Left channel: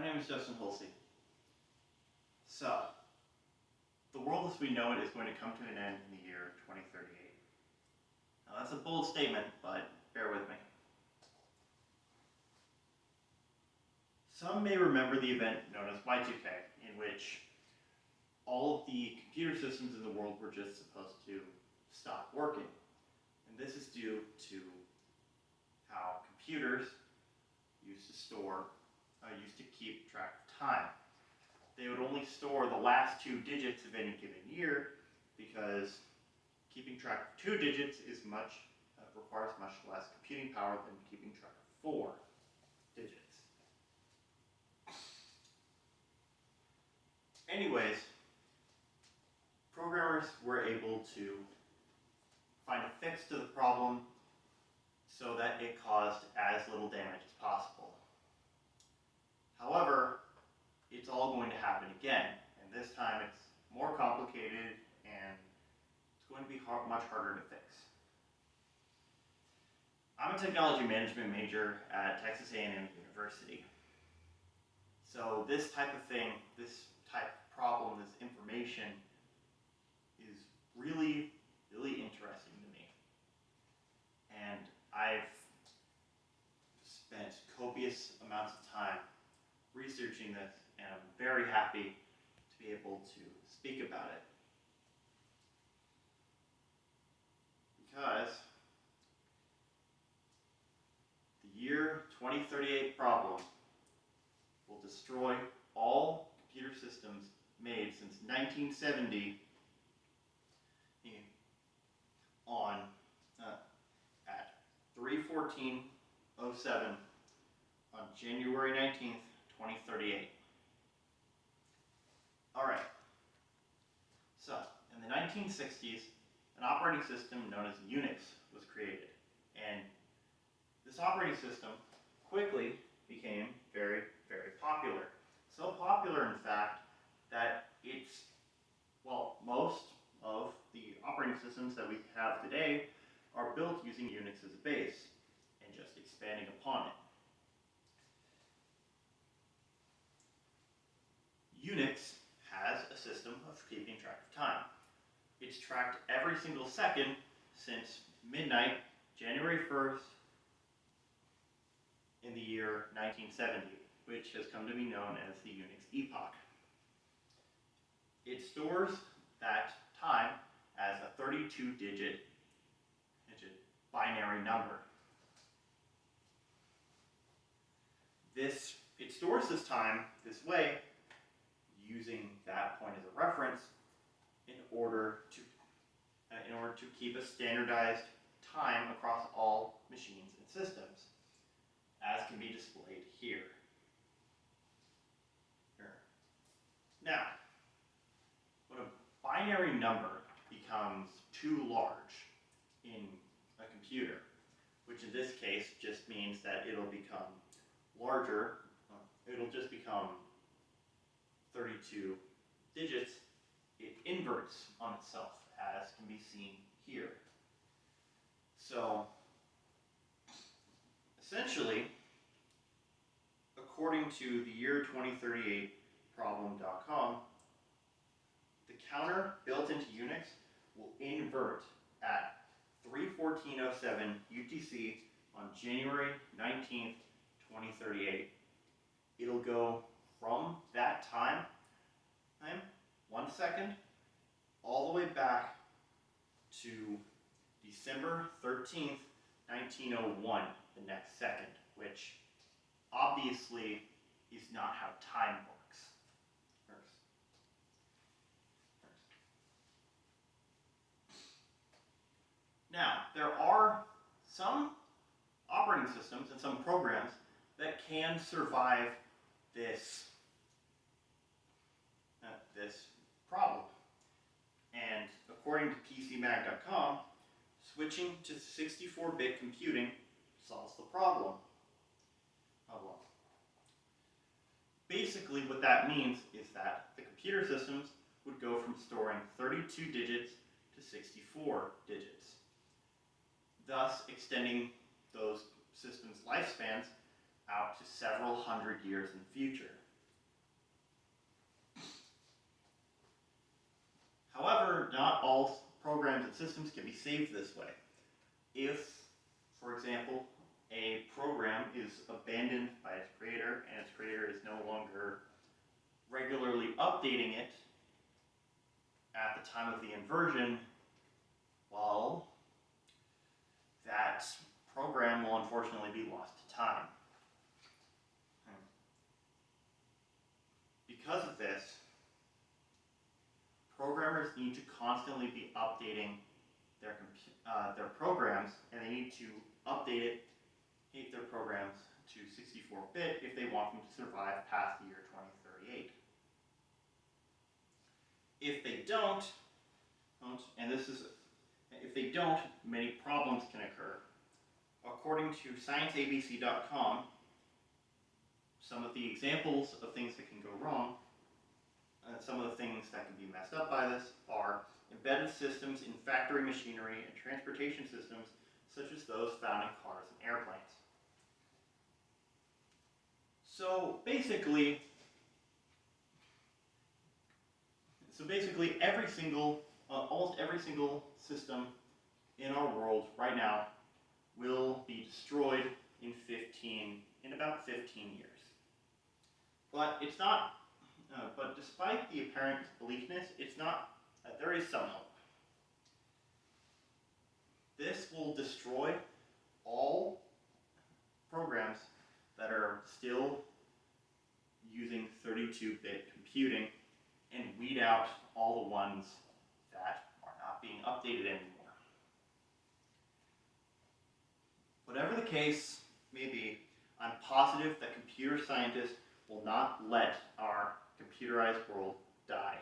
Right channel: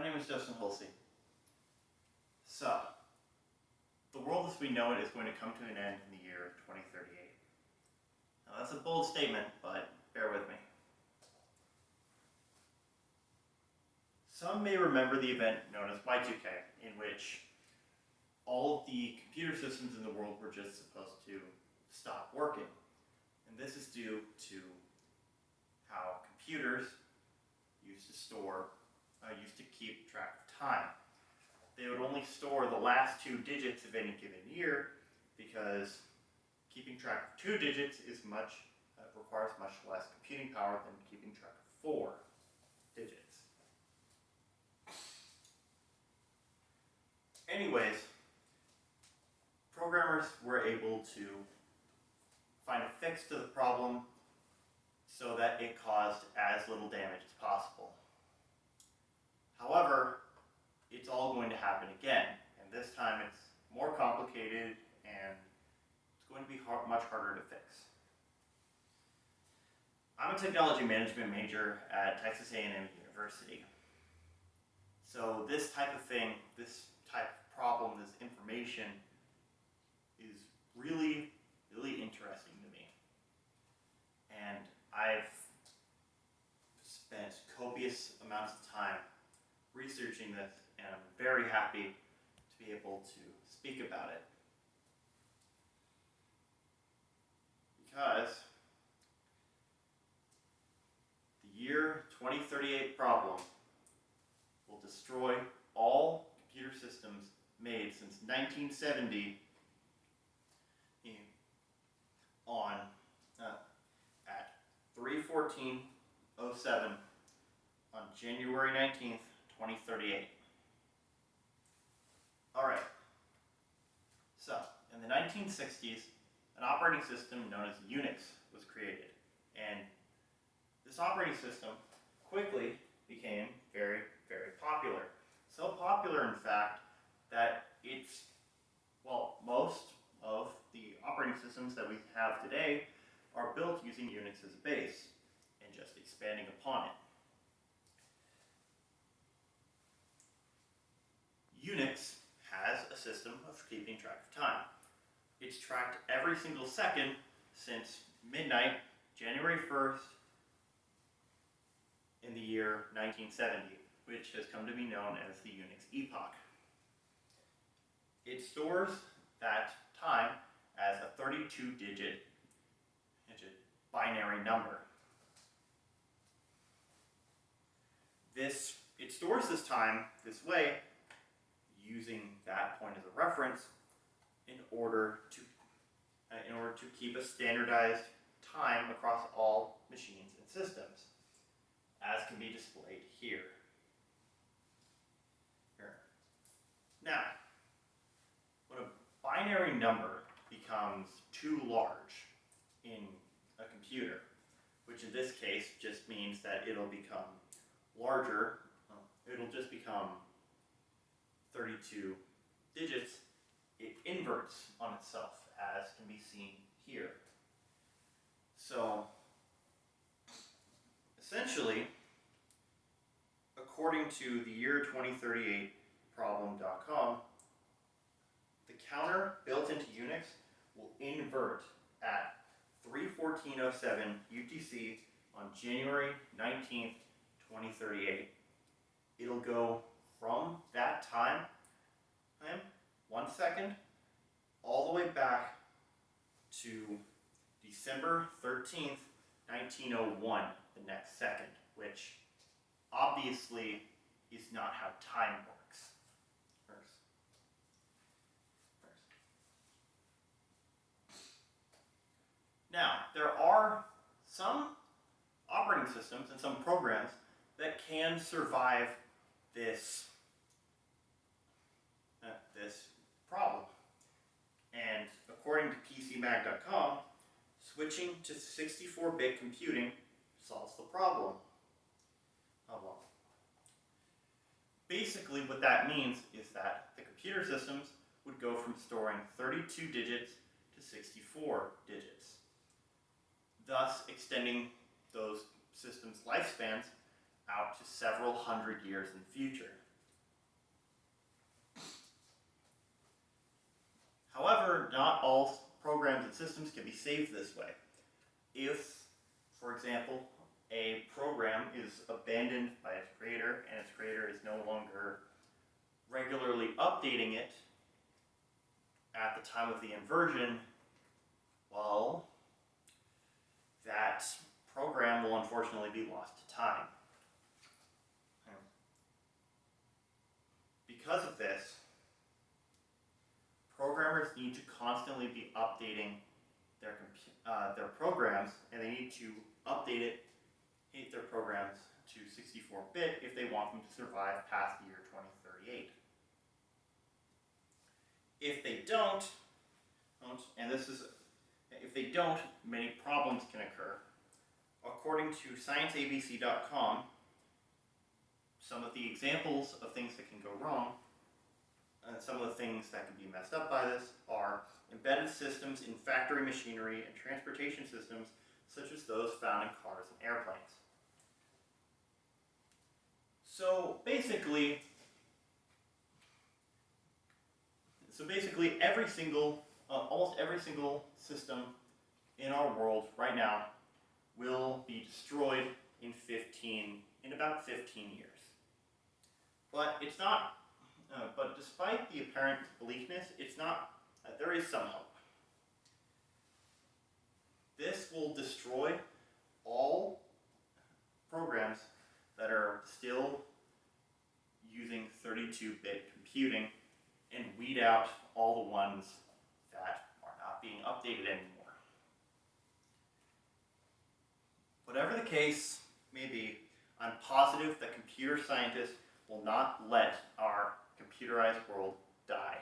My name is Justin Hulsey. So, the world as we know it is going to come to an end in the year 2038. Now that's a bold statement, but bear with me. Some may remember the event known as Y2K, in which all of the computer systems in the world were just supposed to stop working. And this is due to how computers used to keep track of time. They would only store the last two digits of any given year because keeping track of two digits requires much less computing power than keeping track of four digits. Anyways, programmers were able to find a fix to the problem so that it caused as little damage as possible. However, it's all going to happen again, and this time it's more complicated and it's going to be much harder to fix. I'm a technology management major at Texas A&M University. So this type of thing, this type of problem, this information is really, really interesting to me. And I've spent copious amounts of time researching this, and I'm very happy to be able to speak about it. Because the year 2038 problem will destroy all computer systems made since 1970 at 3/14/07 on January 19th, 2038. Alright, so in the 1960s, an operating system known as Unix was created, and this operating system quickly became very, very popular. So popular, in fact, that most of the operating systems that we have today are built using Unix as a base and just expanding upon it. Unix has a system of keeping track of time. It's tracked every single second since midnight, January 1st, in the year 1970, which has come to be known as the Unix epoch. It stores that time as a 32-digit binary number. It stores this time this way, using that point as a reference in order to keep a standardized time across all machines and systems, as can be displayed here. Now, when a binary number becomes too large in a computer, which in this case just means that it'll become larger, it'll just become 32 digits, it inverts on itself, as can be seen here. So, essentially, according to the year 2038 problem.com, the counter built into Unix will invert at 3/14/07 UTC on January 19th, 2038. It'll go from that time, 1 second, all the way back to December 13th, 1901, the next second, which obviously is not how time works. Now, there are some operating systems and some programs that can survive this problem. And according to PCMag.com, switching to 64-bit computing solves the problem. Basically, what that means is that the computer systems would go from storing 32 digits to 64 digits, thus extending those systems' lifespans out to several hundred years in the future. systems can be saved this way. If, for example, a program is abandoned by its creator and its creator is no longer regularly updating it at the time of the inversion, well, that program will unfortunately be lost to time. Because of this, programmers need to constantly be updating their programs, and they need to update their programs to 64-bit if they want them to survive past the year 2038. If they don't, if they don't, many problems can occur. According to ScienceABC.com, some of the examples of things that can go wrong, and some of the things that can be messed up by this are embedded systems in factory machinery and transportation systems, such as those found in cars and airplanes. So basically almost every single system in our world right now will be destroyed in about 15 years. But it's not. But despite the apparent bleakness, it's not. There is some hope. This will destroy all programs that are still using 32-bit computing and weed out all the ones that are not being updated anymore. Whatever the case may be, I'm positive that computer scientists will not let our computerized world die.